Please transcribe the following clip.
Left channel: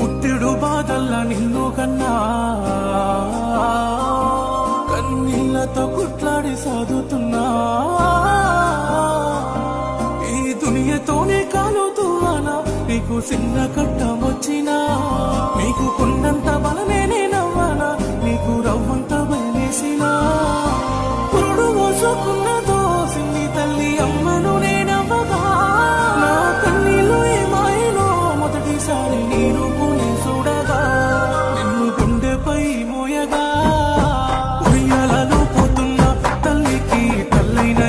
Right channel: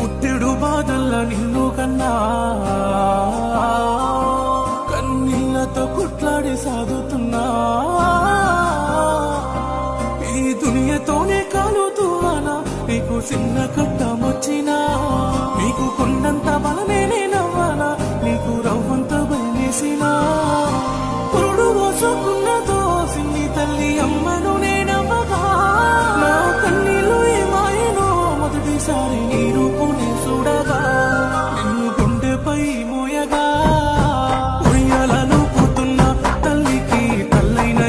పుట్టెడు బాధల్ల నిన్ను కన్నా కన్నీళ్లతో కుట్లాడి సాదుతున్నా ఈ దునియతోనే కాలుతూ అనా నీకు చిన్న కట్టమొచ్చినా నీకు కొండంత బలమే నేనవ్వనా నీకు రవ్వంత భయమేసినా పురుడు మోసుకున్నదో సిన్ని తల్లి అమ్మను నేనవ్వగా నా కన్నీళ్ళు ఏమాయనో మొదటిసారి నీ రూపునే చూడగా నిన్ను గుండెపై మోయగా ఉయ్యాలలో పోతున్న తల్లికి తల్లైన